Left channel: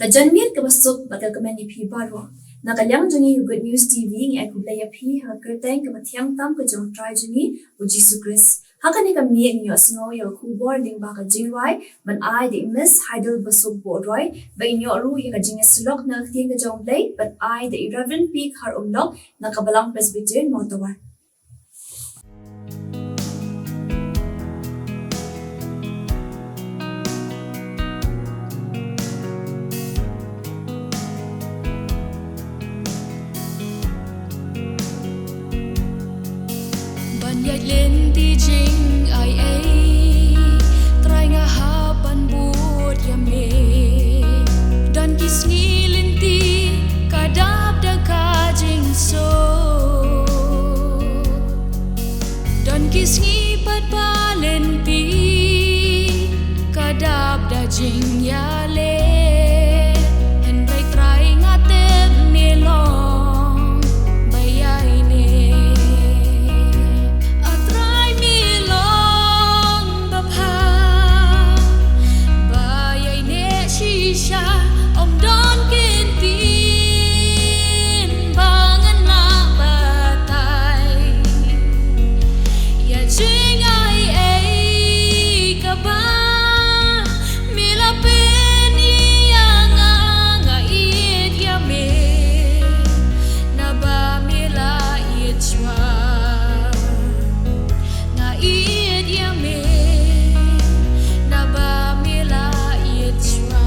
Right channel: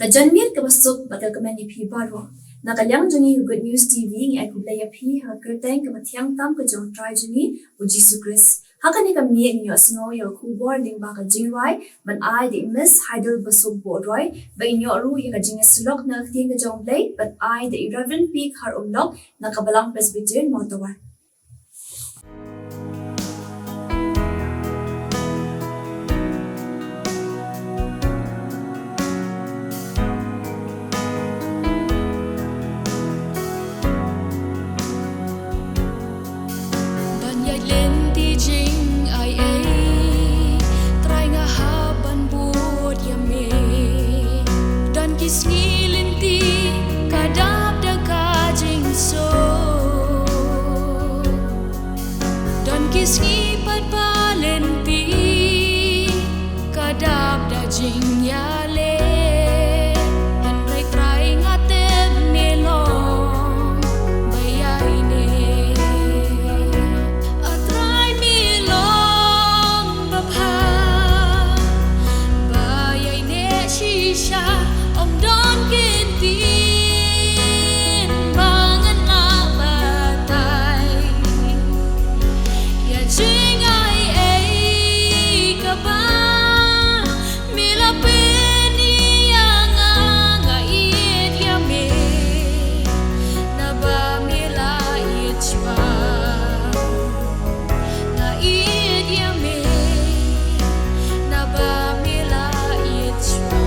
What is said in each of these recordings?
Ka janmit ka basuk bakal kemeni pi baroh. Nakalyang jungi Good News TV ngi aku Blei pi ha kyrteng ka thiang tam ka U Trai jungi U Jisu Khrist. Hakani ka mi ngi sngi khublei ding ba ka jingduwai ban ai di Miss Hydel Basuk Buhroy ba inyo ru ka jingiasyllok na Ktien ka jong Blei ban ai di Pynjanai Kharumlong na kabalang Presbyterian Motawar. Nhảy lên ti jing ai ấy trai nga ha ban buốt ya me dan kis ngi lên ti ka dap da ka jing so dan kis ngi pat pa lên ti ka dap da jing ya le en rai trai nga te me long bay ai ne om don kin tin bangan la batai ya jing ai ei kaba mila pen yang nga it ya me na ba mila it chwa nga it ya me na ba mila it chwa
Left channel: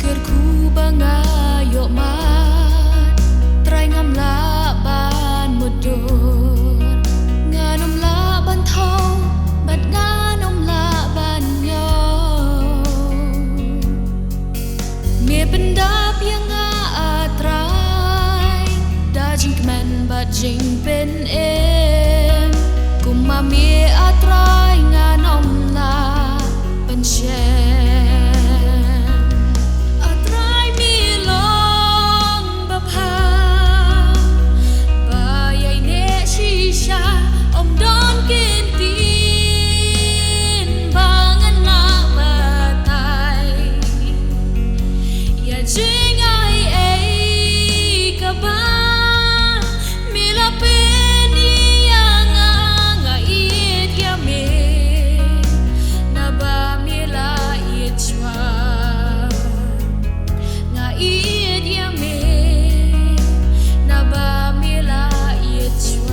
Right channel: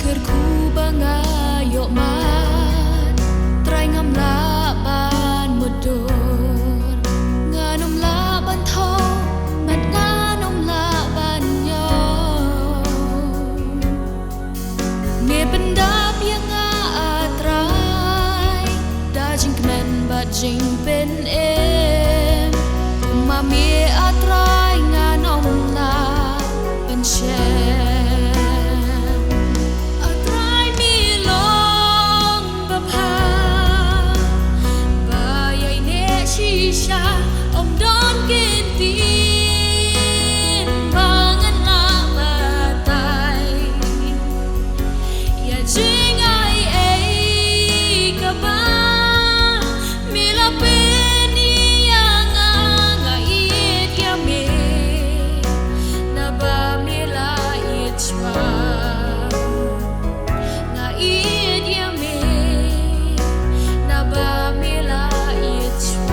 kyrkhu banga yo man trai ngam la ban mudor nganom la ban thau bat nganom la ban yo me benda pianga atrai da jingkren bat jing pen em kuma me atrai nganom la ban she om don kin tin bangan la batai ya jing ai ei kaba mila pen yang nga it ya me na ba mila it chwa nga it ya me na ba mila it chwa.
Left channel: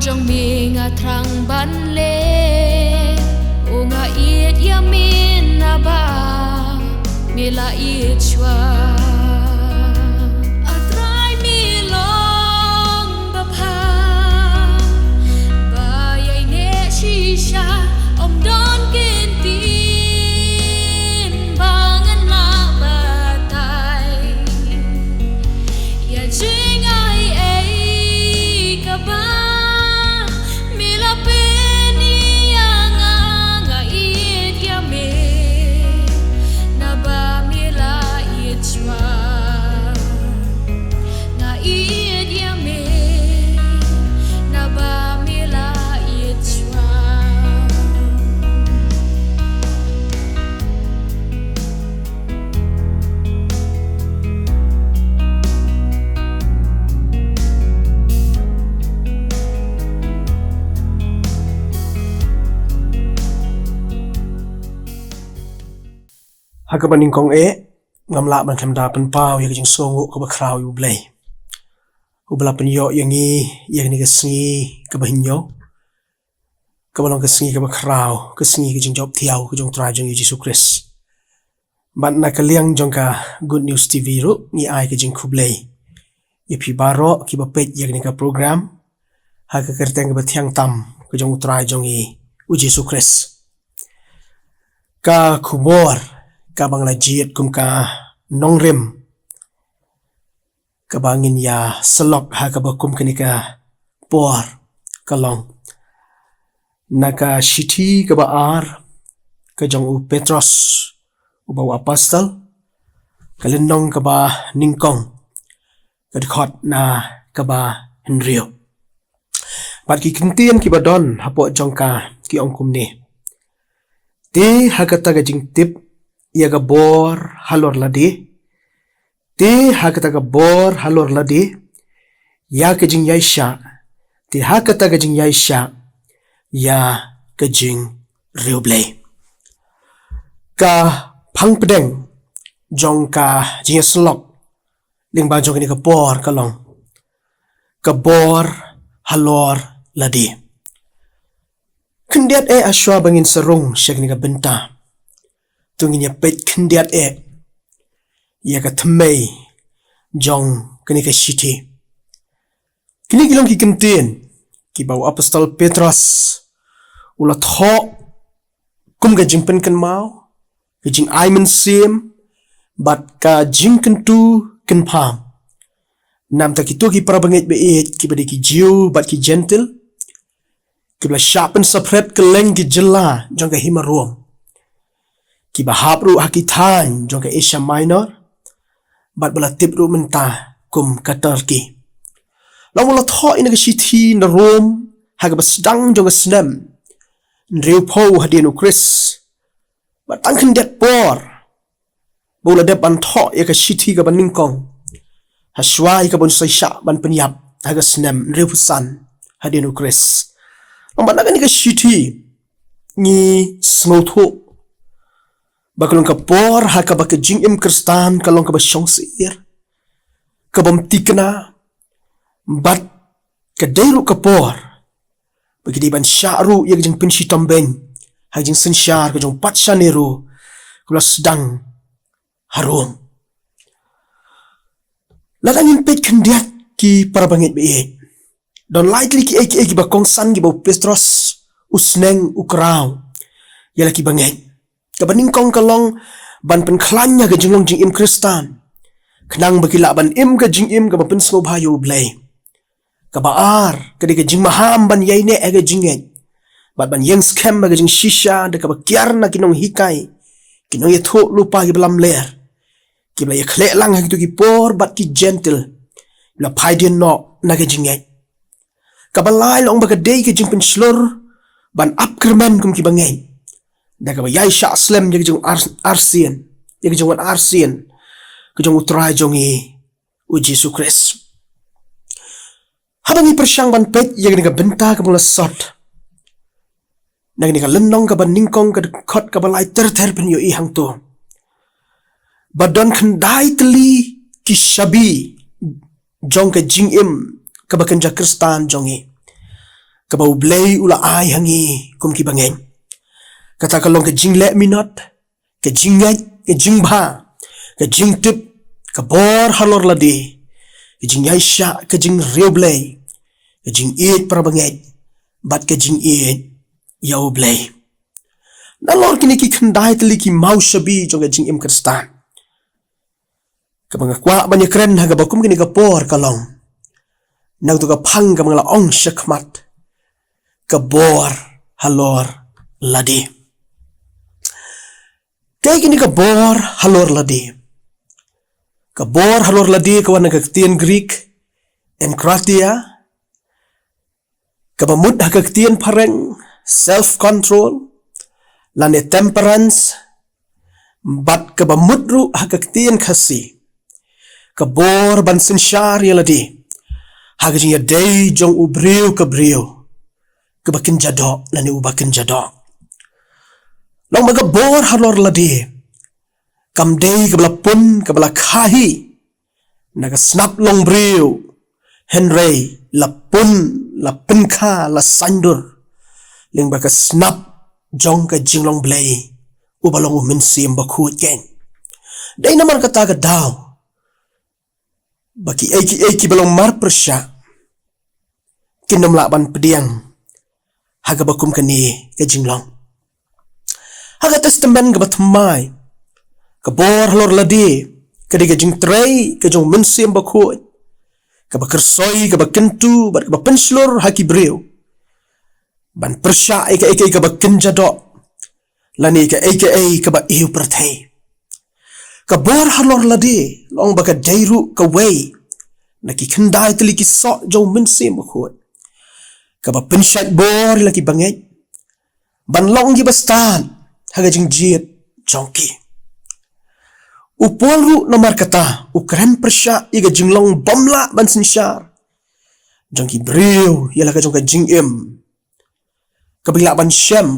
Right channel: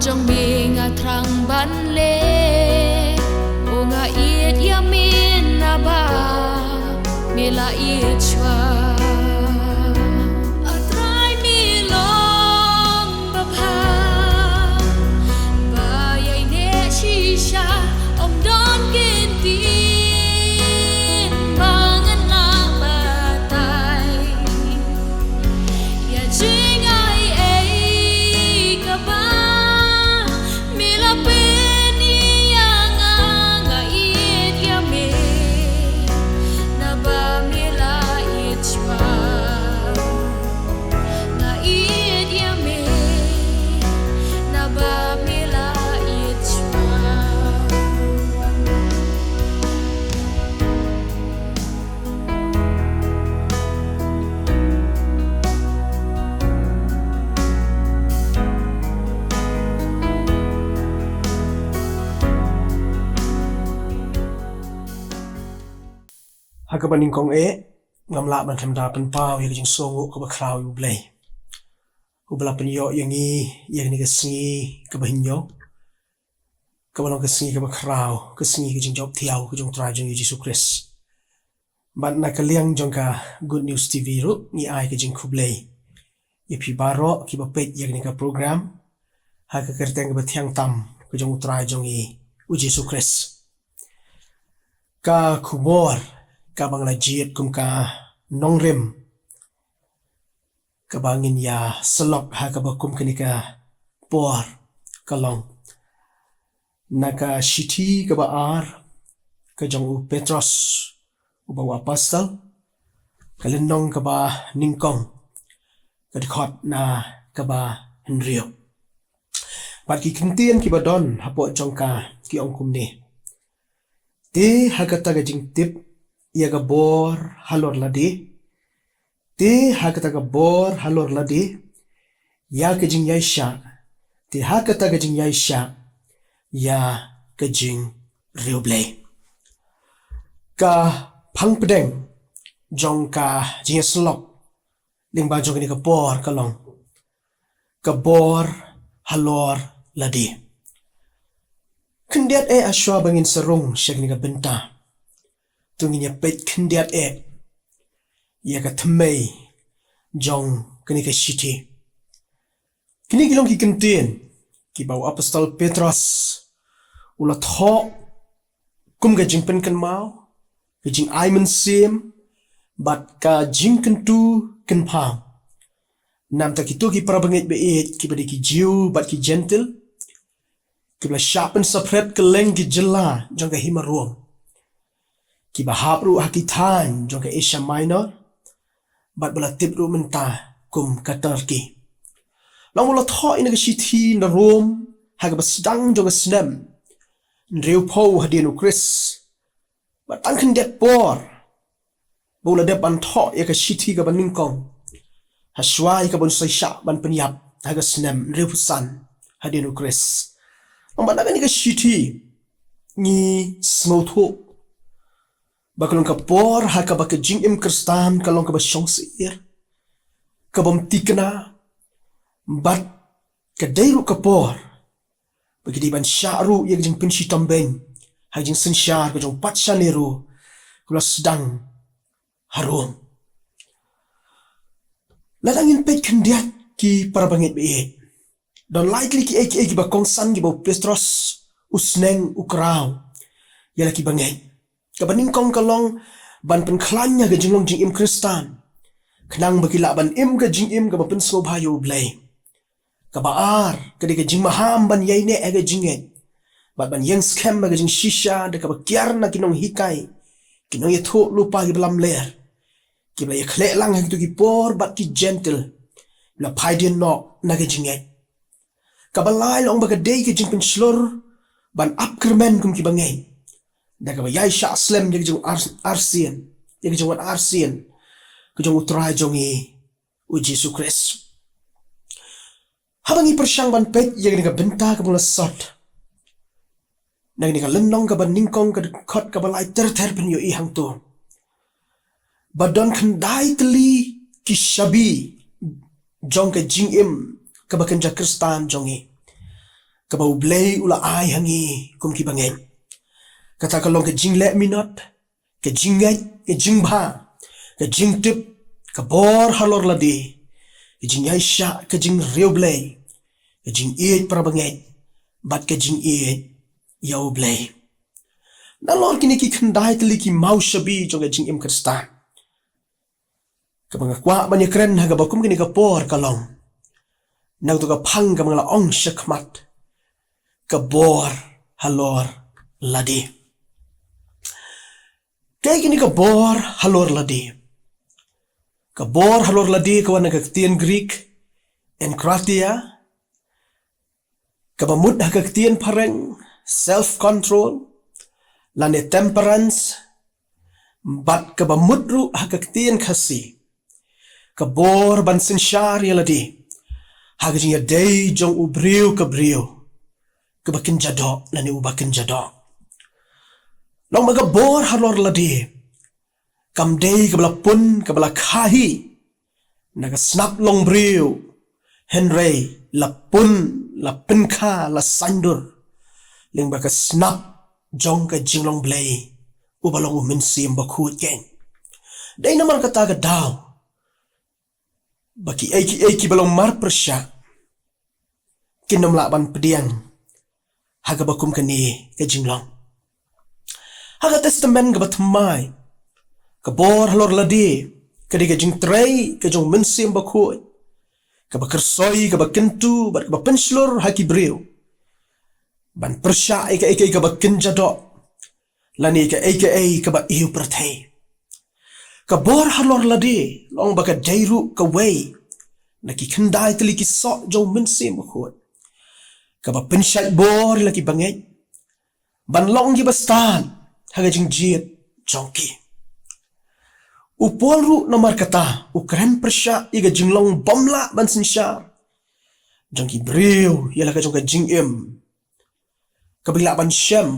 Jong mi nga trang ban le o nga it ya min na ba mi la it chwa atrai mi long ba pha ba yai ne shi sha om don kin tin bangan la batai ya jing ai ei ka ba Hakabaning kong ngamla ban themda pan pau yak jing songu ko ba kraw U Blei Ubla penyo yang ni ke sngi ke bahinyo. Ke balong ke sngi ke bakrau, ke sngi ke Jingiasyllok, ke U Trai U Jisu Khrist. Bat na kaliang jong ka Good News TV ru ni ai ke khublei. Pi baroh ki bapet yang ni ka program. Ha ke kyrteng ke thiang tam ke U Trai U Jisu Khrist. Ka khubor ka bangla jiet kum ka nongrem. Ka bangin ya selok ha ka bakum ke ni ka por kalong. Naka shiti ka baar ka jong u Petros u bawa apostol kalenong ka ba ningkong ka dikhot na ka ba Henrio. Pat ki Ktien ki badon hapo jong ka ki ongkum ni. Te hakata ka jing tip ya ka bor Halor Lade. Te hakata ka bor Halor Lade ya ka jingiasyllok. Te hakata ka jingiasyllok ya ka jing U Blei. Ka hapdeng jong ka jingiasyllok ling ba jong ni ka bor kalong. Ka bor Halor Lade. Kendiat aswa bangin serung siya ni ka bynta. Tungin ya pet kendiat ya ka thamay jong kani ka shiti. Kini gilong ki Ktien ki bawa apostol Petros ula tho kum ka jingpen kan mau ka jing aiman sim bat ka jingken tu kan pam. Nam ta kitu ki para bangit beet ki bade ki jiu bat ki gentle ki bla sharpen sapret ke leng ki jela jong ka himaruam. Ki bahapru hakitan jong ka Asia Minor bat bala tipru menta kum ka Turkey. Lalu la tho ina ka shiti na Rome haga basdang jong ka snem. Nreu po hadenu Khrist. Bat angkan det por. Bola de ban tho ya ka shiti ka baningkong. Haswai ka bon saisha ban penyap haga snem nreu pusan hadenu Khrist. Lalu ban ni ka shiti ni smotho. Bakalong ka por ha ka baka jingim Kristan kalong ka basyong siir. Ka bamtikna bat ka dayru ka por. Bagi di ban syaru ya jing pensi tombeng ha jing sensyar ka jong patsya neru kula sedang harum. Ladangin pet kendiat ki para bangit beet. Don likely ki eki bakong san ki bau Petros usneng ukraw yala ki bangit. Kabaningkong kalong ban penklannya ke jinglong jingim Kristan. Kenang bakila ban im ke jingim ke bapen smob U Blei. Kabaar ke de jing maham ban yaine ege jinget. Bat ban yang scam ke jing shisha de ka bakiar na kinong hikai. Kinong ye thok lupa ki belam ler. Ki bla ye khlek lang ha ki por bat ki gentle. La paidien nok na ke jinget. Kabalai long ba ke de ke jing pen slur ban upkerman kum ki bangay. Da ka bayai sya aslam ya jong arsien ya jong arsien ke jong U Trai U Jisu Khrist. Habangi persyang ban pet ya ni ka bynta ka mula sot. Nang ni ka lenong ka ban ningkong ka khot ka balai ter pen yo i hang tu. Badon khandai teli ki shabi jong ka jingim ka bakanja Kristan jongi. Ka ba U Blei ula ai hangi kum ki bangen. Kata kalong ke jingle minot, ke ngeit, ke jingba, ke jingtip, ke bor Halor Lade, ke jingiasyllok, ke jing U Blei, ke jingeit para bangit, bat ke jingeit U Blei. Nalor kini ki kendai teli ki mau shabi jong ke jingim Kristan. Ke bangakwa banyakren haga bakum kini ke bor kalong. Nang tu ke pang ke mangala ong syakmat, ke bor Halor Lade. Kaya kini ka bor Halor Lade. Ka bor Halor Lade kawan Ka Ktien Greek and Kratia. Ka bamud Ka Ktien pareng self-control lane temperance bat ka bamud ru Ka Ktien kasi. Ka bor ban sensyar ya Lade. Ha ka jinya day jong ubriu ka briu. Ka bakin jadok lane ubakin jadok. Long magabor Halor Lade. Kamday kabala pun kabala kahi. Nagasnap long briu. Henry la pun la penka la sandur ling baka snap jong ka jinglong blei ubalong min sim bakut ken dai namar kata ka daw baki eki balong mar persya kinom laban pediang haga bakum kani ka jinglong haga testament ka batmai ka bor halor lade ka diga jing trai ka jong min sim bakut ka bakersoi ka bakentu bat ka penslur haki breu ban persya eka ka bakenjado lani ka ka ba iu perthai ka bor halor lade long baka dairu ka wei naki kendai teli ki sok jong min sim bakut ka ba pensat bor laki bangai ban long gi bastan haga jing jiet jongki upol ru nomor kata ukran persya iga jinglong bomla ban sinsyar jongki breu yala ka jong ka jing ka bila ban syam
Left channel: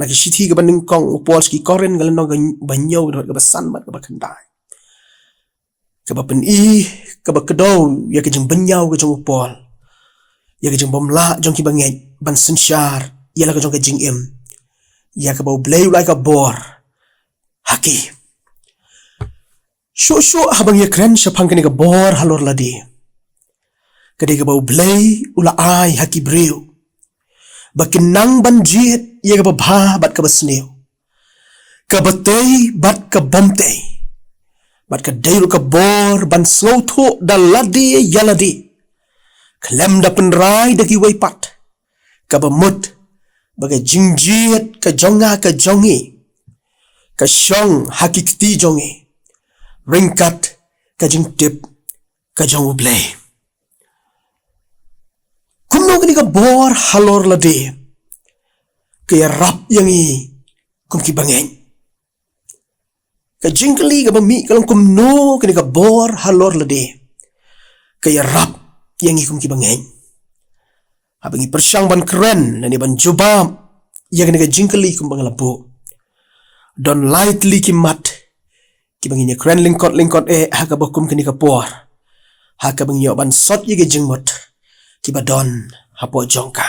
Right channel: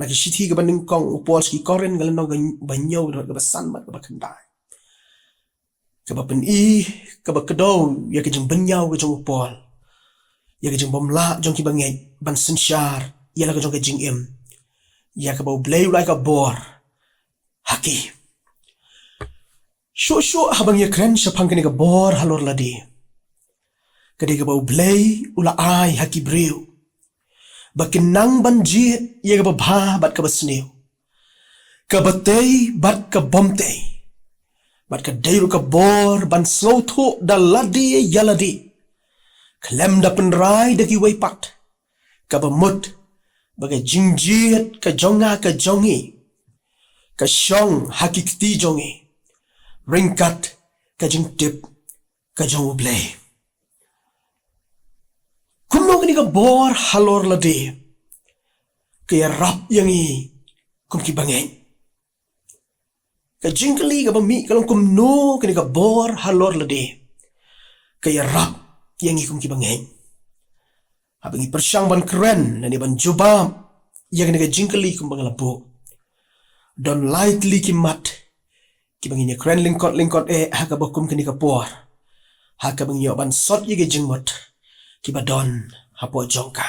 naki sithi ka ban kong upol ski koren galan no banyo ka basan bat ka bakandai ka ba pen ka ba kedo ya ka jing banyau ka jong upol ya ka jing bomla jongki bangai ban sinsyar yala ka jong ka jing ya ka ba blei lai ka bor haki Shosho habang yakren siya pangkani ka bor halor ladi. Kadi ka ba blei ula ay haki breu. Bakin nang banjit iya ka ba bat ka ba snew. Ka batay bat ka bomtay. Bat ka dayro ka bor ban snowto da ladi yaladi. Klem da penray da ki waypat. Ka ba mut baga jingjit ka jonga ka jongi. Ka syong haki kti jongi. Ringkat ka jing tip ka jong U Blei. Kumno kini ka bor halor lade. Kaya rap yang kum ki bangen. Ka jingkeli ka bami kalong kumno kini ka bor halor lade. Kaya rap yang kum ki bangen. Habangi persyang ban keren nani ban jubam yang kini ka jingkeli kum bangalabu. Don lightly ki mat. Kibanginya keren lingkot haka bakum kini kapor. Haka bangyo ban sot yige jingmot. Kibadon hapo jongka.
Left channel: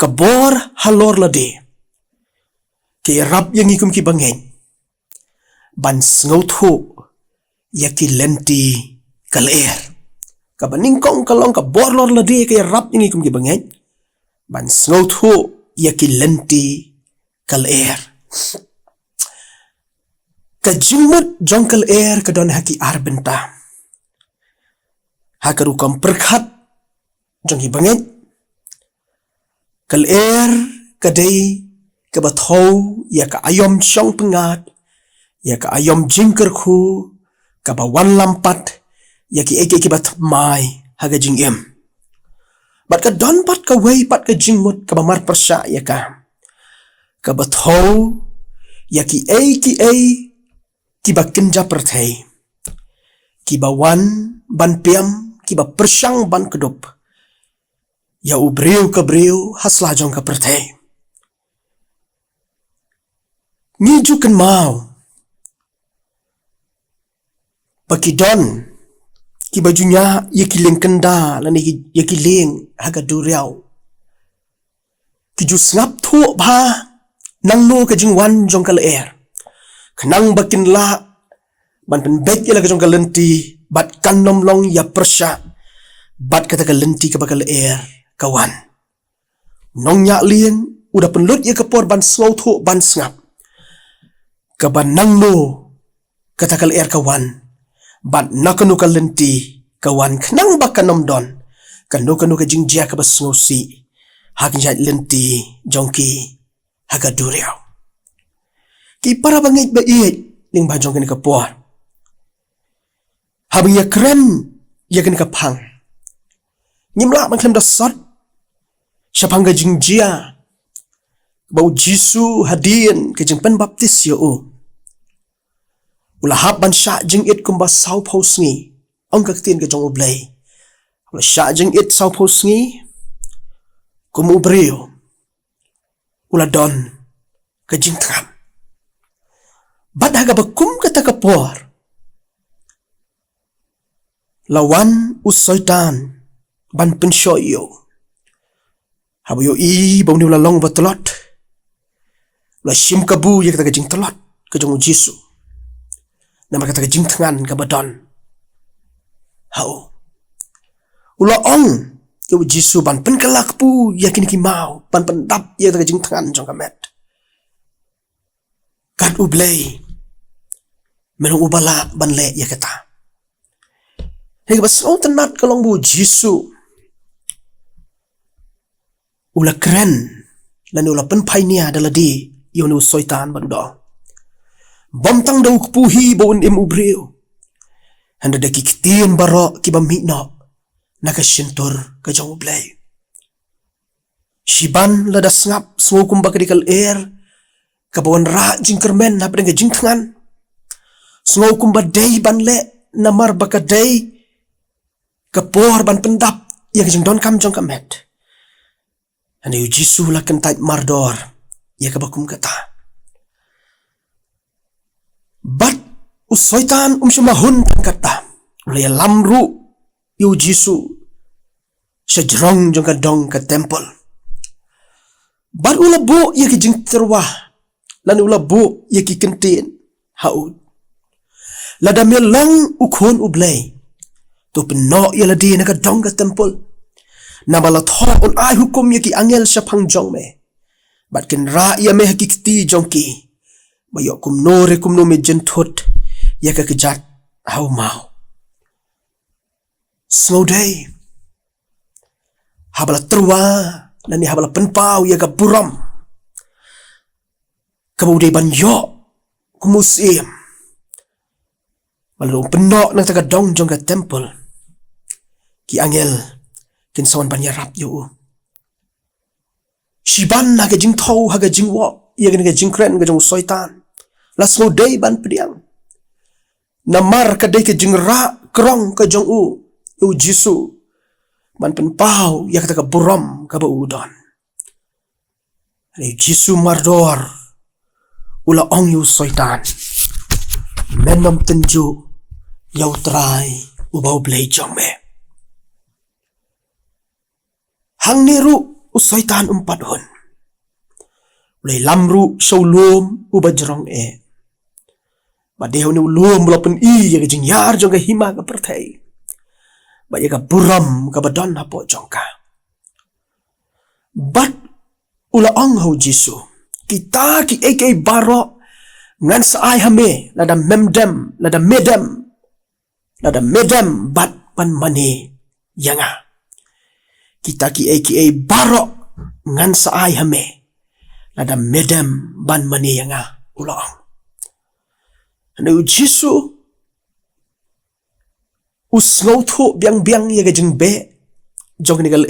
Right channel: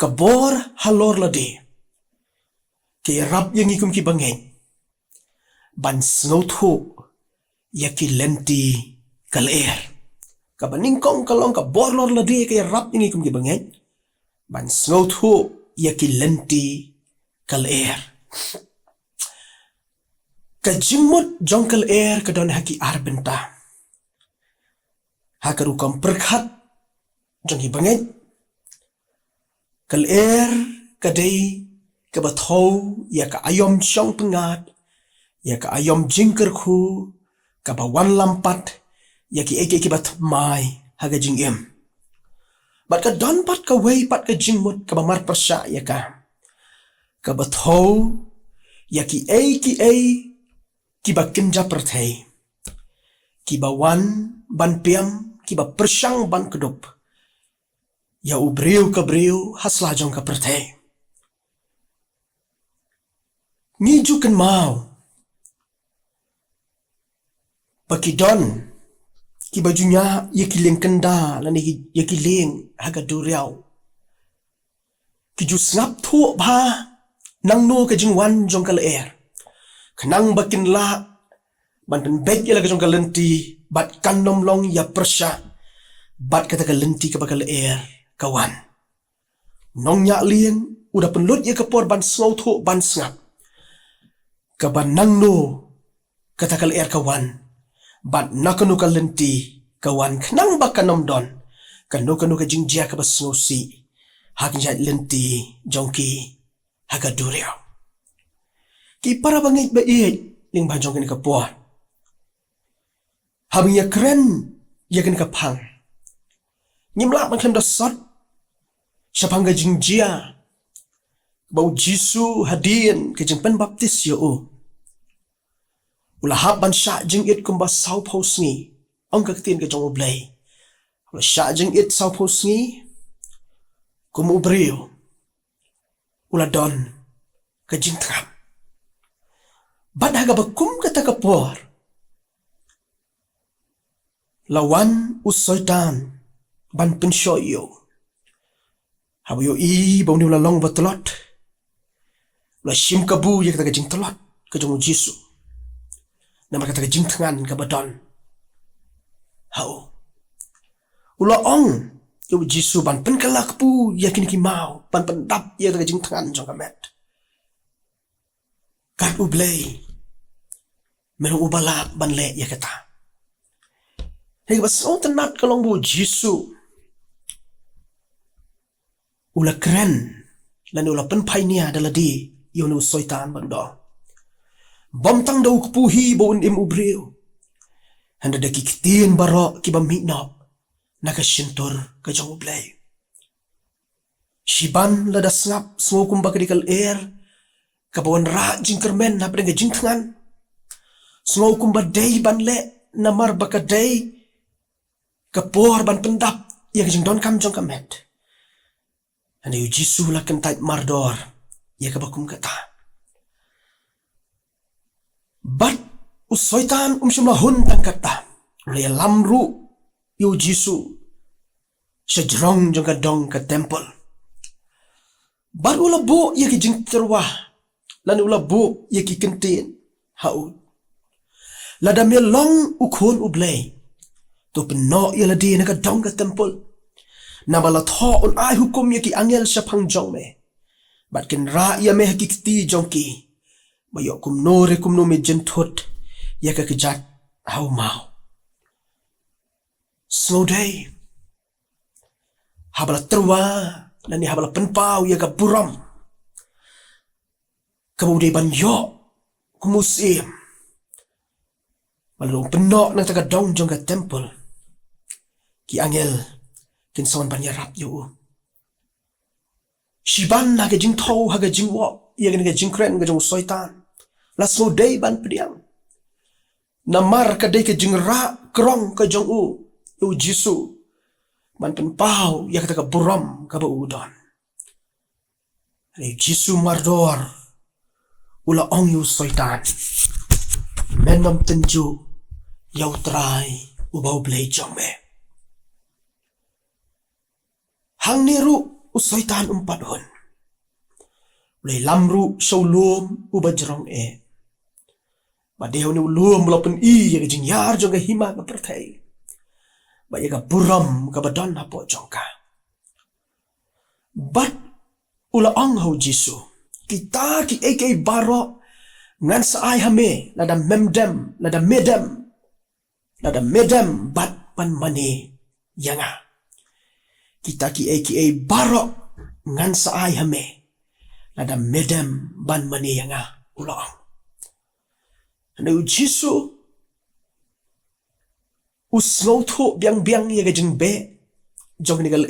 Kabor halor lade. Kaya rap yang ikum kibangeng. Ban sngoutho yaki lenti kaler. Kabaningkong kalong kabor lor lade kaya rap yang ikum kibangeng. Ban sngoutho yaki lenti kaler. Ka jingmut jongkel ka don haki bynta. Haka rukam perkhat jonghi banget. Kal ka day ka bathau ya ka ayom syong pengat. Ya ka ayom jingkru ka ba wanlam pat ya ki eke ki bat mai haga jingem. Bat ka don pat ka wei pat ka jingmut ka ba mar persya ya ka. Ka bathau ya ki kiba kenja perthai. Kiba wan ban piam, kiba persyang ban kedup. Ya U breu ka breu haslah jong ka perthai. Ngiju kan mau. Pakidon kiba junya ya kiling kenda lani ya kiling haga duriau. Kiju ngap thu ba nang no ka jingwan jong ka Kenang bakin la ban pen beg ya la ka jong ka lenti bat kanom long ya persya bat kata ka lenti ka bakal kawan. Nong nya lien udah penlut ya kapor ban sngoutho ban ngap. Ka ban nang no kata ka kawan. Bat nakanu ka lenti kawan kenang bakanom don. Kanu ka jingjia ka basngosi. Hak jat lenti jongki haga duriau. Ki para bangit bait ling bajong kini kapuan. Habang ya keren ya kini kapang. Nyimla man klem da sot. Syapang ka jingjia. Bau Jisu hadien ke jingpen baptis ya o. Ulahap ban syak jingit kumba sau pausngi. Ang Ka Ktien ke jong U Blei. Ula syak jingit sau pausngi. Kumu breu. Ula don ke jingkram. Bad haga bakum kata kapor. lawan usoitan ban penshoyo habuyo bau ni ulalong batolot la shim kabu ya kata jing telot ke jong Jisu nama kata jing tangan ka badon hau ula ong yo Jisu ban penkelak pu ya kini ki mau ban pendap ya kata jing tangan jong kamet kat U Blei menung ubala ban le ya kata hei bas on tenat kalong bu Jisu ula keren lan ula penpai nia daladi yo nu soitan ban do bom tang dau kupuhi bawun ubreu handa da Ki Ktien baroh ki bamino naka shintur ka jong U Blei shiban lada sngap smo kumba kadikal ka bawan ra jingkren hapdeng jingtangan sngo kumba dei ban le namar baka dei ka por ban pendap yang jing don kam jong kamet ane U Jisu la kentai mardor ya ka bakum kata bat usoitan syamahun tan kata ulaya lamru U Jisu sejrong jong ka dong ka temple bat ulabu ya ki jing terwah lan ulabu ya ki Ktien haud lada melong ukon U Blei tu peno ya ladi na ka dong ka temple na balat ho on ai hukum ya ki angel syapang jong me bat ken ra ya me hakikti jong ki bayo kum no me jentut ya ka kejat hau mau slow day habala terwa nani habala penpau ya ka buram kemudian ban yo kumusim lalu penok nang taga dong jong ka temple ki angel kin sawan ban yarap yo shiban na ka jing thau ha ka jing wo ya ka jingkren ka jong soitan la slow day ban pediang namar ka dei ka jing ra krong ka jong U Jisu ban penpau ya ka buram ka ba udon ni Jisu mardor ula ong yu soitan menom tenju U Trai U Blei jong me hang neru usoitan hun ulai lamru showlum u bajrong badeu ni ulum lopen ya ke jingyar jong ka hima ka perthai ba ya ka buram ka badon hapo jong ka bat ula ong ho Jisu kita ki baroh ngan saai hame lada medem bat pan mani yanga kita ki baroh ngan saai hame lada medem ban mani yanga ulang ane U Jisu usngau thu biang ya gajeng be jong nigal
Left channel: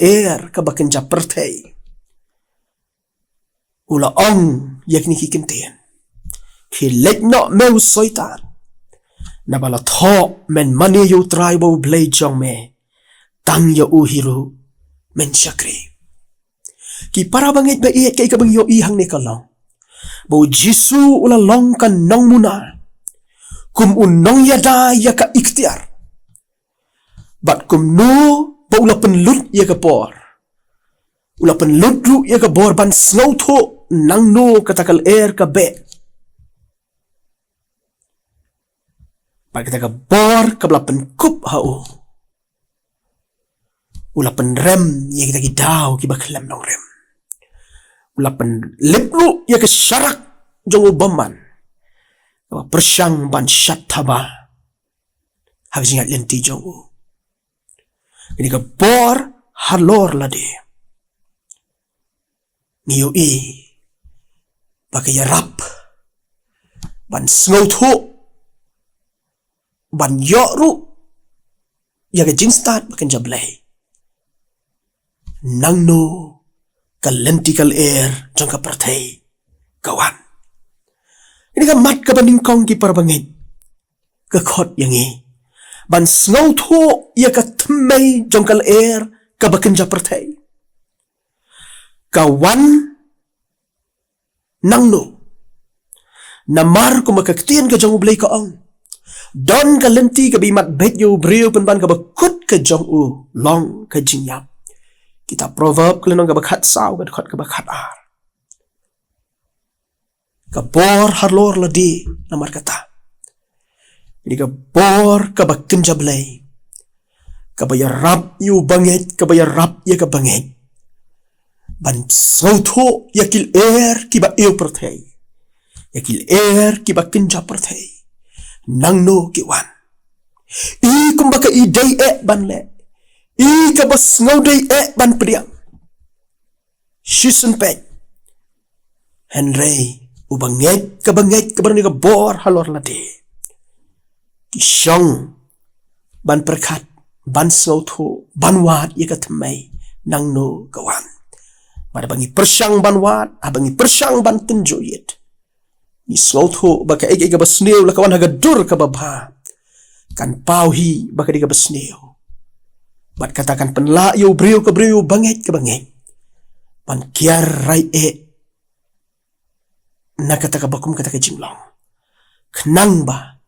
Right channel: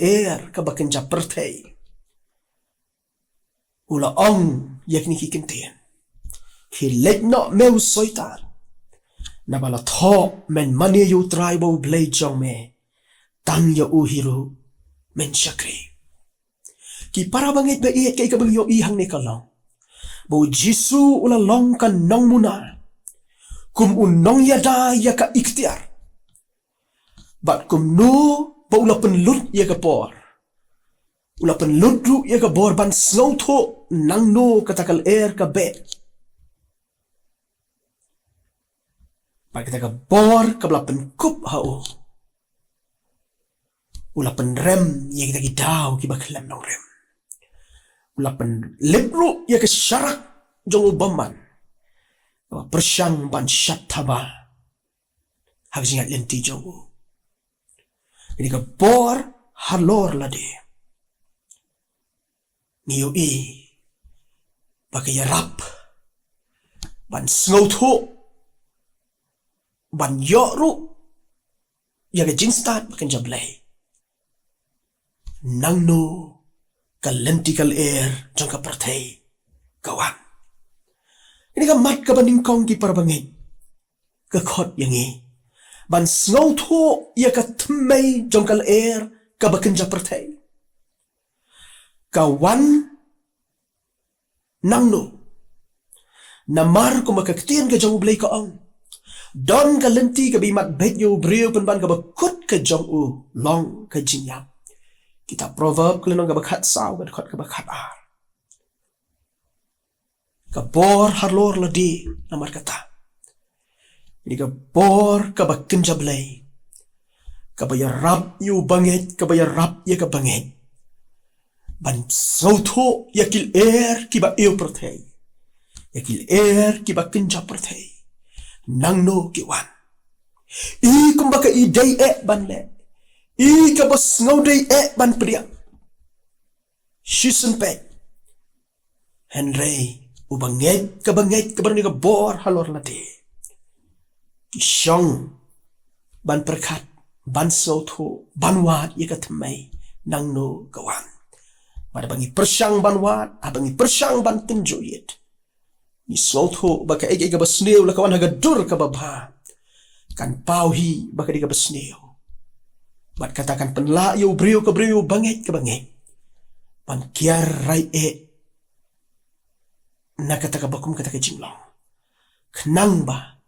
ka baken japertei ula ong yak ni Ki Ktien ki letno me usoitan na bala tho men mani U Trai U Blei jong me tang ya U hiru men syakri ki para bangit ba kay kabang yo hang ni kalong bo Jisu ula long kan nong muna kum unong yada ya ka ikhtiar bat kum no bo ula penlut ya ka por ula penlut ru ya ka bor ban snow tho nang no katakal ka be ba kita ka bor ka bla pen kup hao ula pen rem ya kita gidaw ki baklam nong rem ula pen leplu ya ka syarak jong ubaman persyang ban syat thaba hak jingat lenti jong ini ka bor halor lade niyo pakai rap ban sngotu ban yoru ya ka jingstat bakan jablay nangno kalentikal jong ka perthai kawan ini ka mat ka baning kong ki parbangit ka khot yangi ban sngotu ya ka tmei jong kal ka bakan japerthai kawan nangno namar ko Ka Ktien ka jong U Blei ka ong Don ka lenti ka bimat bet yo brio penban ka bakut ka jong u long ka jingyap. Kita proverb ka lenong ka bakat saw ka bakat ar. Ka bor Halor Lade namar kata. Ini ka bor ka bakin jablay. Ka bayarap yu bangit ka bayarap ya ka bangit. Ban sauto yakil ki ba eu perthei. Yakil ki ba kinja perthei. Nang no ki wan. I kumbaka i day ban le. I ka bas ngau day ban priang. Shisen pek. Henry ubangit ka barani ka bor Halor Lade. Ki syong ban perkat ban sauto ban wat ya ka temai nang no kawan. Pada bangi persyang ban wat, abangi persyang ban tenjoyet. Ni sauto baka ege ka basneu la kawan haga dur ka babha. Kan pauhi baka di ka basneu. Bat katakan penla yo brio ka brio bangit ka bangit. Ban kiar rai na kata ka bakum kata ka jinglong. Kenang ba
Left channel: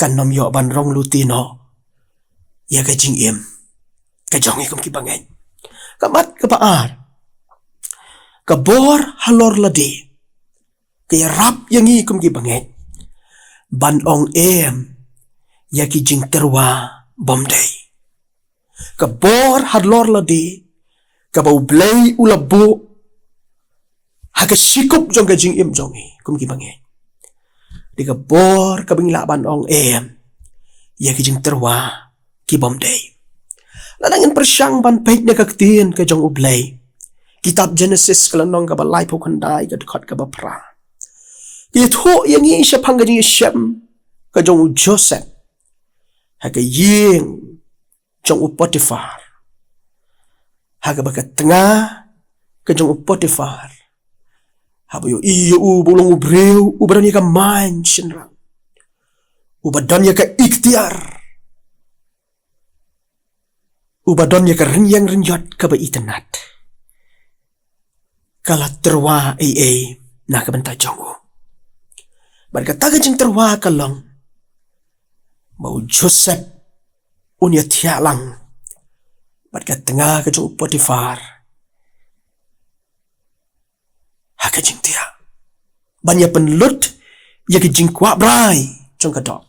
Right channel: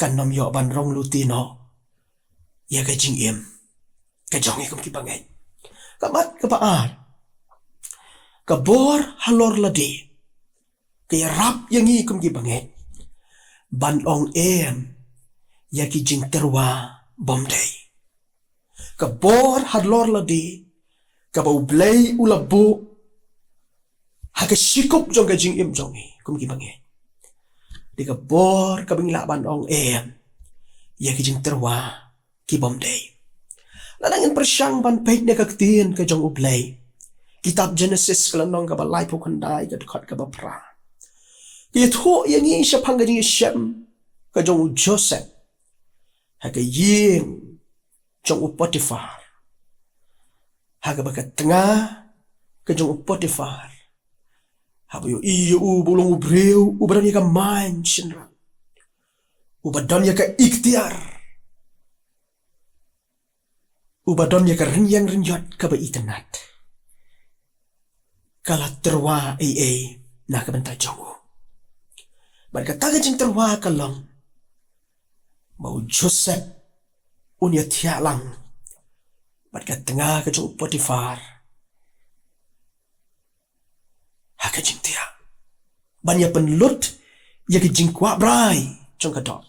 kan nom yo ban rong lutino. Ya ka jingim. Ka jong ikum ki bangit. Kamat ka paar. Ka bor Halor Lade. Kaya rap yang ikum ki bangit. Ban ong ya ki jingterwa bomday. Ka bor Halor Lade. Ka U Blei Un Haka shikup jong ka jingim jongi kum ki bangit. Di ka bor ka bangila ban ong ya ki jingterwa ki bomday. Lalangin persyang ban pek na Ka Ktien ka jong U Blei. Kitab Genesis kalanong ka balay po kanday ka dukot ka bapra. Kaya to yang i siya panggaling siyam ka jong U Joseph. Haka ying jong U Potiphar. Haka baka tengah ka jong U Potiphar. Haba yo iyo bulong u breu u badan ka main shenrang. U badan ka ikhtiar. U badan ka renyang renyot ka ba itanat. Kala terwa na ka banta jongo. Barka taga jing terwa kalong. Mau Joseph unya thiang. Barka tengah ka jong Potiphar. Haka jing tia. Banya penlut ya ki jing kwa brai jong ka dok.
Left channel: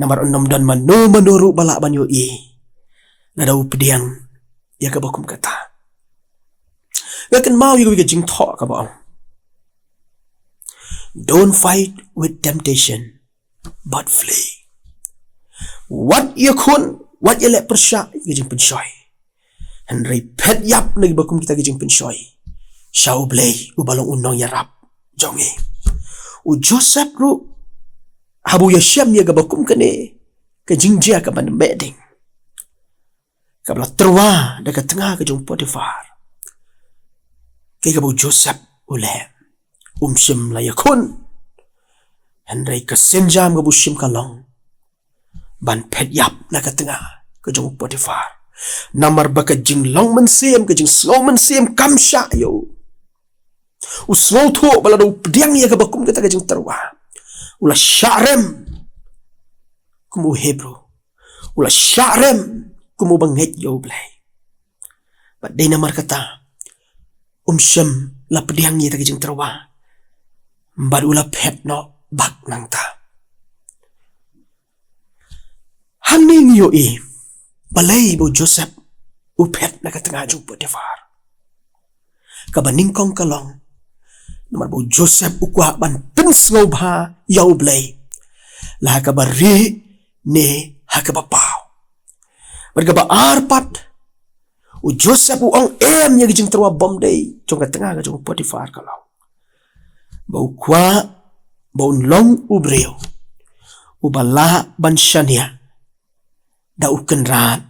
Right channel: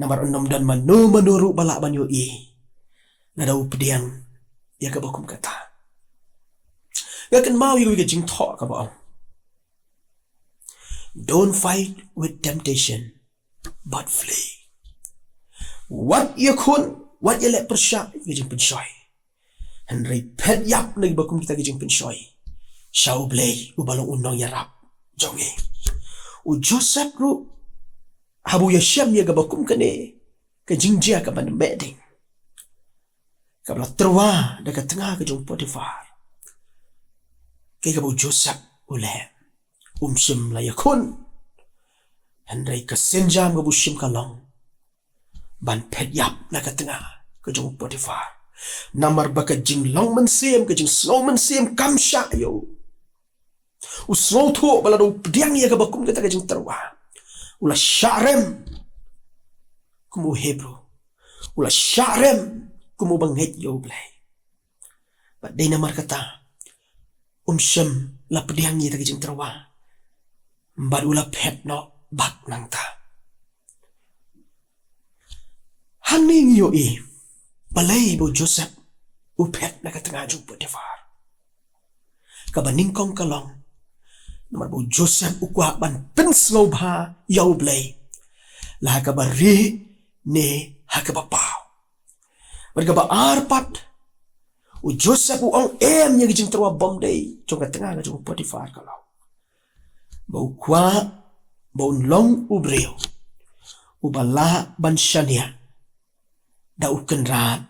Namar 6 dan menuru balak banyo Nadau pediang ya ka bakum kata. Gakan mau you ka jing thok ka ba. Don't fight with temptation, but flee. What you let persya gijing pensyoy. Henry pet yap nagi bakum kita gijing pensyoy. U Blei balong unong yarap jongi. U Joseph ru habu ya syam ya gabakum kane ka jingjia ka ban bedding. Kabla terwa dekat tengah ke jong Potiphar. Kaya kabu Joseph ule. Sim layakun. Henry kesenjam kabu sim kalong. Ban pet yap na ke tengah ke jong Potiphar. Namar baka jinglong mensim ke jing slow mensim kamsya yo. Uslow tu balado pediang ya kabakum kata ke jing terwa. Ula syarem kumu Hebrew. Ula syarem kumu bangit yo Blei. But day namar kata syam la pediang ya ke jing terwa. Mbad ula pet no bak nang ta. Haning yo balay bo Joseph upet na katengah jong Potiphar. Kabaning kong kalong namar bo Joseph ukwa ban penslow ba yaw Blei. Lah kabari ne hakabapaw. Bergaba arpat u Joseph uang nya gijing terwa bom day jong katengah jong Potiphar kalong. Bau kwa bau long ubreo ubala ban syania da ukenran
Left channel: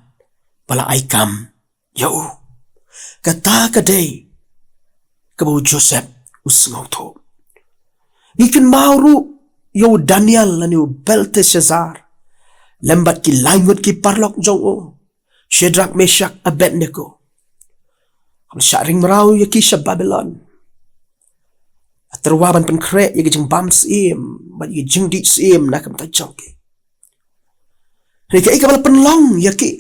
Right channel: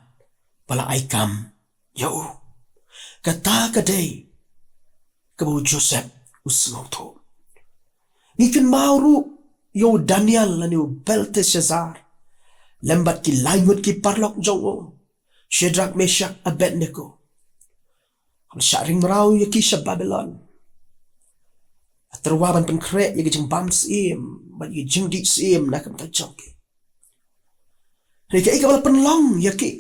pala aikam yau kata kadai kabau Joseph usngau to ikan mauru yo Daniel lanu Belteshazzar lembat ki langut ki parlok jong Shadrach Meshach Abednego al syaring merau ya kisah Babylon terwa ban pen krek ye jing bam sim ban ye jing di sim na kam ta chong ki ni ka ikabal pen long ya ki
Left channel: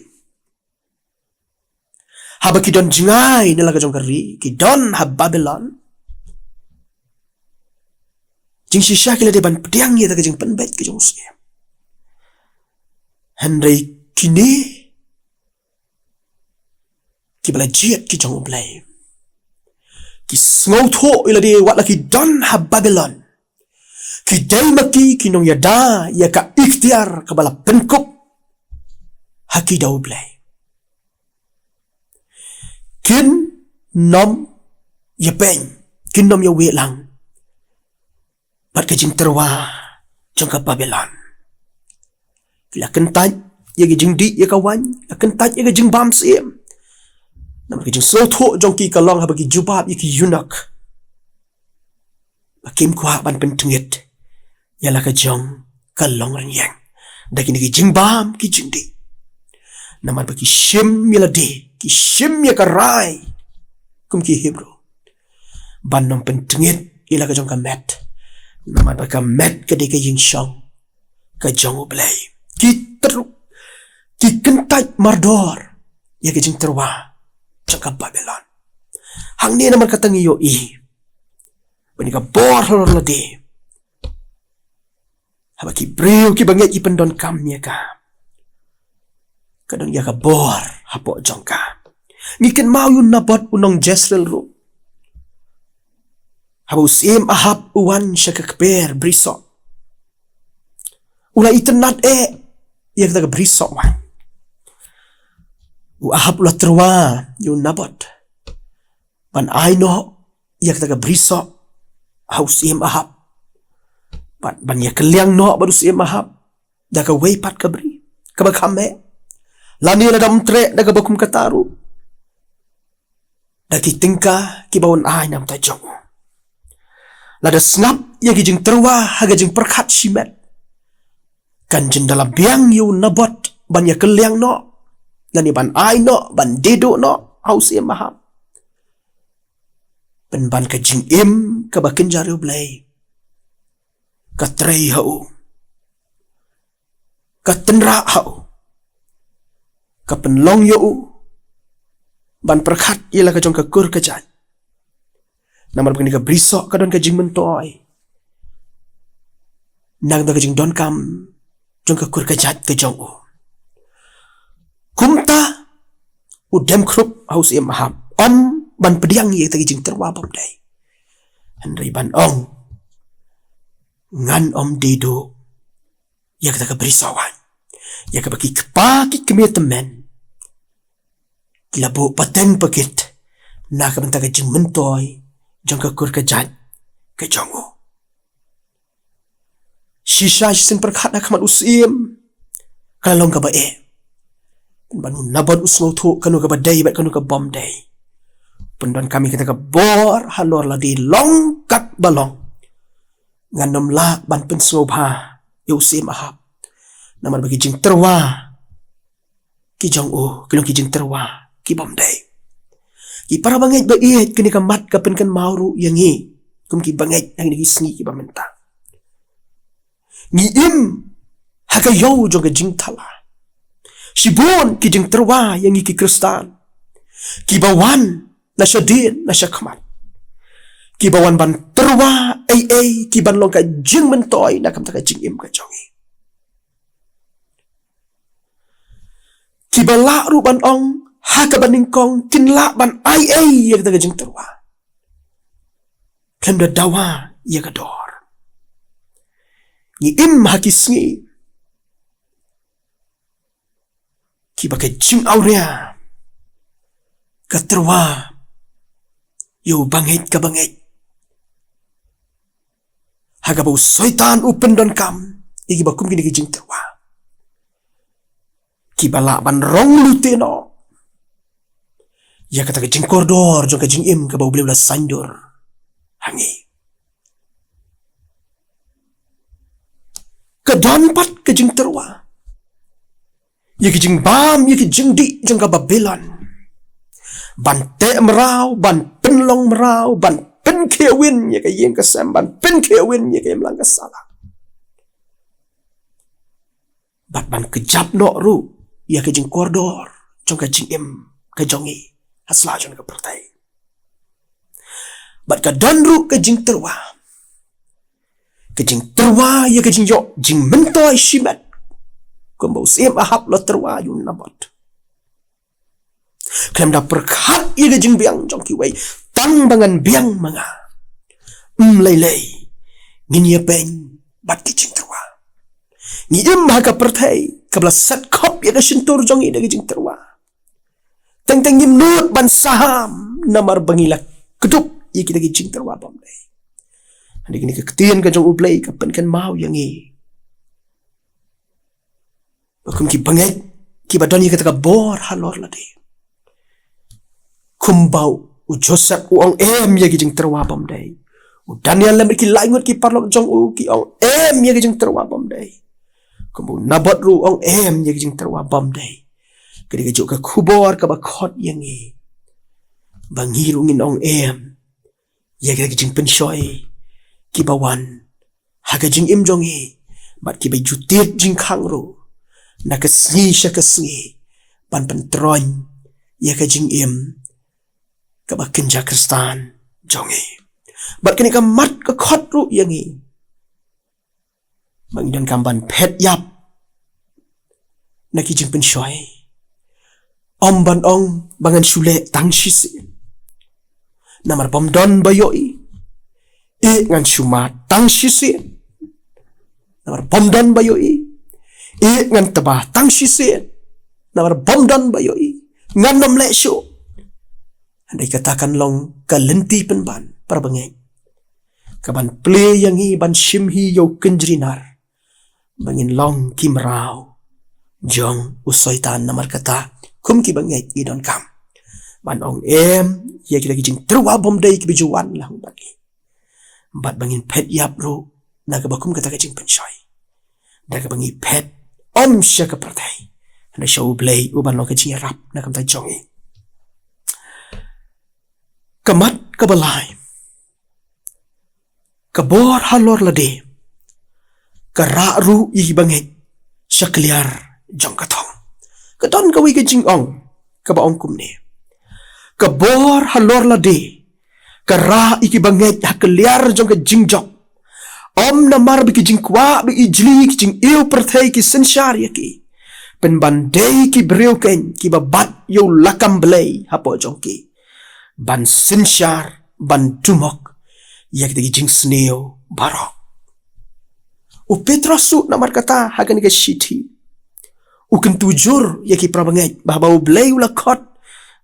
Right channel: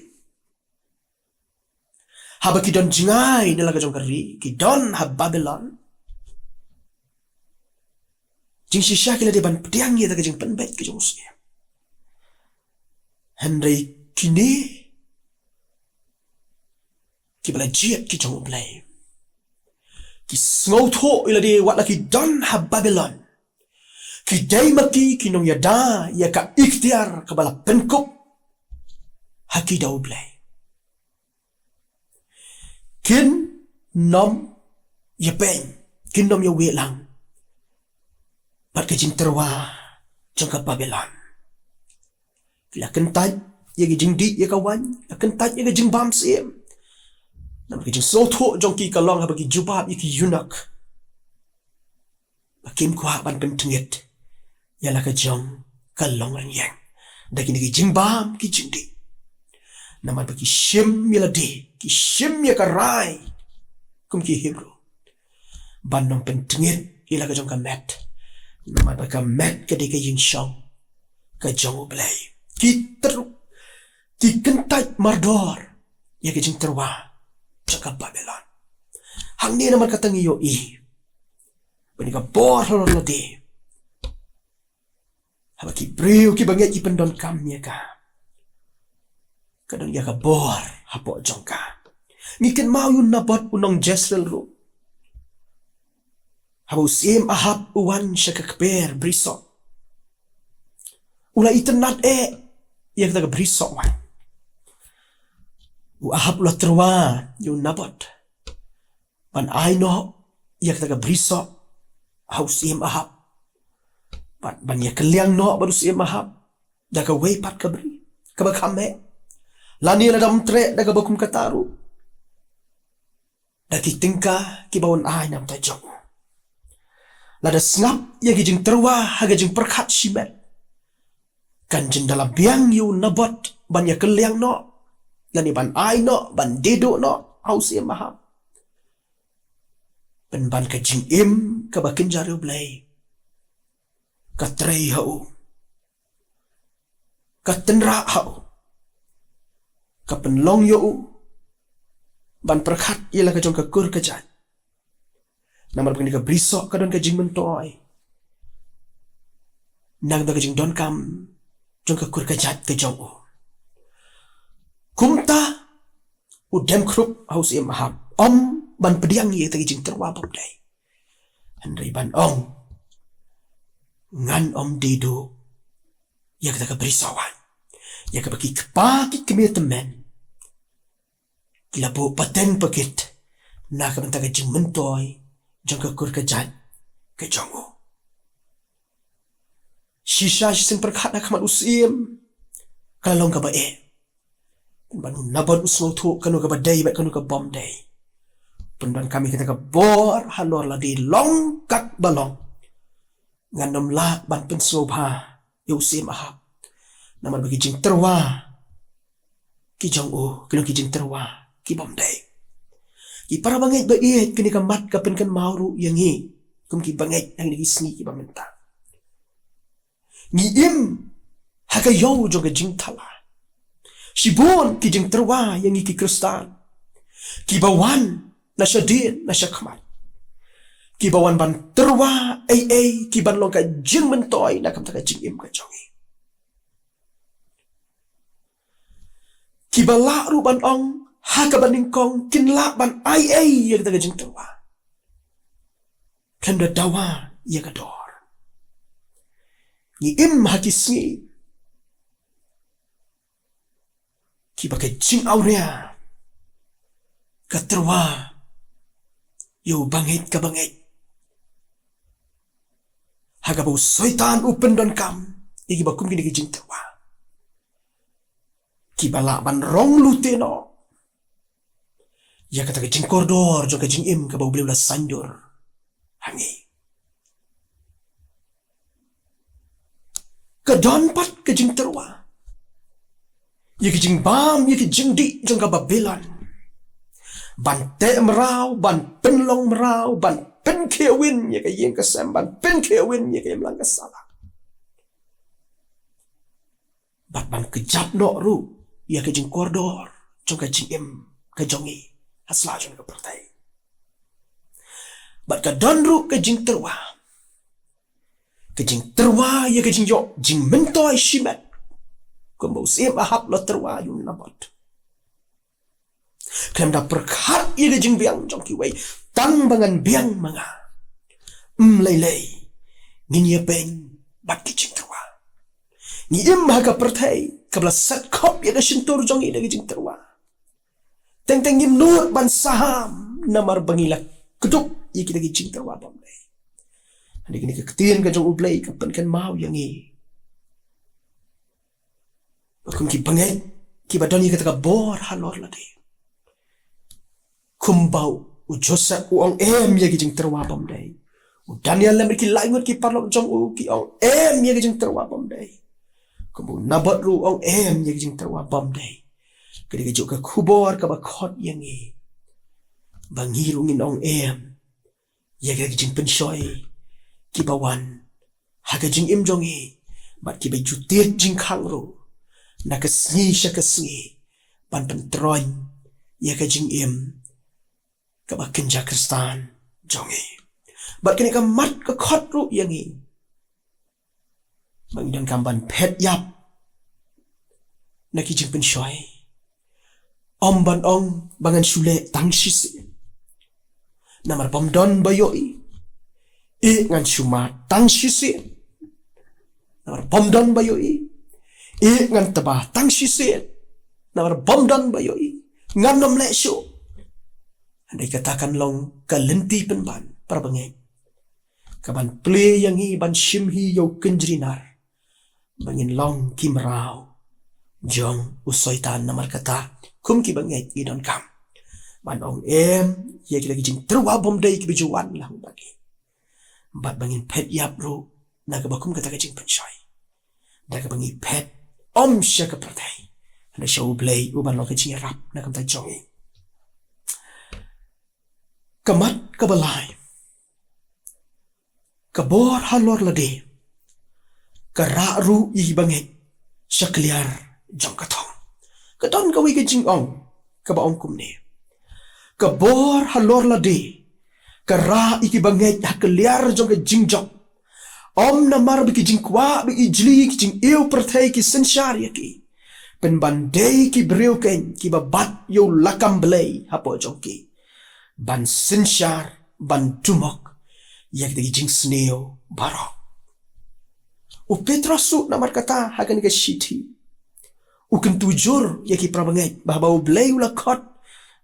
haba ki don jingai na laga jong kari ki don ha Babylon jing shisha ki le ban pediang ye ta jing pen bet ki jong sim handai kini ki bala jiat ki jong Blei ki ngau tho ila de wat la ki don ha Babylon ki dai maki ki nong yada ya ka ikhtiar ka bala penkop haki dau Blei kin nom ya pen kin nom ya we lang bat ka jing terwa jong ka Babylon kila kentai ya ki jing di ya ka wan la kentai ya ka jing bam sim nam ki jing so tho jong ki ka long ha ba ki jubab ya ki yunak Kim kwa ban pen tengit ya la ka jong ka long ran yang da ki ni jing bam ki jing di naman ba ki shim ya la de ki shim ya ka rai kum ki Hebrew ban nom pen tengit ya la ka jong ka met naman ba ka met ka de ka jing shong ka jong Blei ki teruk ki kentai mardor ya ka jing terwa ka Babylon hang ni naman katang iyo bani ka bor halor Lade haba ki breu ki banget ki pendon kam ya ka kadon ya ka bor hapo jong ka ngiken mau yun nabot unong Jezreel ru haba usim ahap uwan siya kakber briso ula itenat ya ka briso wan ahap ula terwa yun nabot ban aino yak taga briso haus im ahap ban yak liang no baru sim ahap daga way pat kabri kabakame lani la dam tre daga bakum kataru daki tingka ki bawon ai nam ta jong lada snap yak jing terwa haga jing perkhat shimet kan jin dalam biang yu nabot ban yak liang no lani ban ai no ban dedo no haus im ahap ban ka jing im ka bakin jaru Blei ka trei hau ka tenra hau ka penlong yo ban perkhat ila ka jong ka kur ka jan namar begini ka briso ka don ka jing mentoy nang da ka jing don kam jong ka kur ka jat ka jong kumta udem krup haus im ahap ban pediang ye tagi jing terwa bom dai handai ban ong ngan dedo ya ka berisawan ya ka bagi kepa ki kemetemen labo paten pakit na ka bentaga jing mentoy jong ka kur ka jat ka jongo shisha sin perkhat na kamat usim kalong ka ba ban nabon usno thu kanu ka badai ba kanu ka bom dai pendon kami kita ke bor Halor Lade longkat balong nganom la ban pen sobha yu sim ahap naman bagi jing terwa ki jong kilong ki jing terwa ki bom dai ki para banget ba kini ka mat ka pen kan mauru yang kum ki banget yang ni sngi ki bamenta ni im haka yo jong ka jing thala shibon ki jing terwa yang ki Kristan ki bawan na siya din, na siya kamat. Kibawan ban terwa, kiban long ka jing mentoy, na kamta ka jing im ka jongi. Kibala ruban ong, haka baning kong, kinla ban yang ka jing terwa. Kanda dawa, ya ka dor. Ni im hakisngi. Kiba ka jing aurea. Ka terwa, yu bangit ka bangit. Haga bau soitan upen don kam. Igi bakum gini jing terwa. Kibala ban rong lute no. Ya kata ke jing koridor jong ka jing im ka bau beli ulas sandur. Hangi. Ka donpat ke jing terwa. Ya ke jing bam, ya ke jing di jong ka Babylon. Ban te merau, ban penlong merau, ban pen kewin ya ka yen ka samban pen kewin ya ka lang ka sala bat ban kejap no ru ya ka jing koridor jong ka jing em ka jongi hasla jong ka pertai bat ka don ru ka jing terwa ya ka jing yo jing mentoi shimat ko mo sim ahap lo terwa yun nabot Kem da perkat ia jing biang jong ki wei tang bangan biang manga lei ngin ye peng bat ki jing terwa ni em ha ka perthai kabla sat khop ia shin tur jong ida jing terwa teng teng nim nut ban saham namar bangila keduk ia kita jing terwa bom lei andi kini Ka Ktien ka jong U Blei ka pen kan mau yang i bakum ki bangai ki badon ia kata ka bor halor Lade kumbau u Joseph u ong ya ki jing terwa bom dai u Daniel lam ki langut ki parlok jong u ki ong ya ki jing terwa bom dai kumbu nabot ru ong ya ki jing terwa bom dai kedi ke juk ka khubor ka ba khot yang i bangiru ngin ong ya ki jing penshoi ki bawan ha ka jing im jong i bat ki ba jutit jing khang ru na ka sngi sha ka sngi ban pen tron ya ka jing im ka kenja Kristan jongi bat kini ka mat ka khot ru yangi bang dan kamban phet yap na ki jing pen shoi om ban ong bangan shule tang shisi namar bom don bayoi ngan shuma tang shisi namar bom don bayoi ngan tabah tang shisi namar bom don bayoi ngan nom le shu andai katakan long kalenti penban parbangai kaban play yang hi ban shimhi yo kenjrinar bangin long kimrau jong usoitan namar kata kum ki bangai idon kam ban ong ya kita jing terwa bom dai ki bijuan lah bagi bat bangin pet yap ro na ka bakum kata ka jing penshoi da ka bangi pet om sha ka pertai andai show play uban lo ka jing rap na kam tai jongi kamat kabalai kabor halor Lade kara ru i bangai syakliar jong katong kadon kawi ke jing ong kaba ong kumne kabor halor Lade kara i ki bangai hakliar jong ke jing jong om namar bi ki jing kwa bi ijli ki jing eu perthai ki sensyar ya ki pen bandai ki breu ken ki babat yo lakam blei hapo jong ki ban sensyar ban tumok yak de jing sneo baroh u Petrosu namar kata hagan ke shiti u kan tujur yak ki prabangai bahwa U Blei ula khot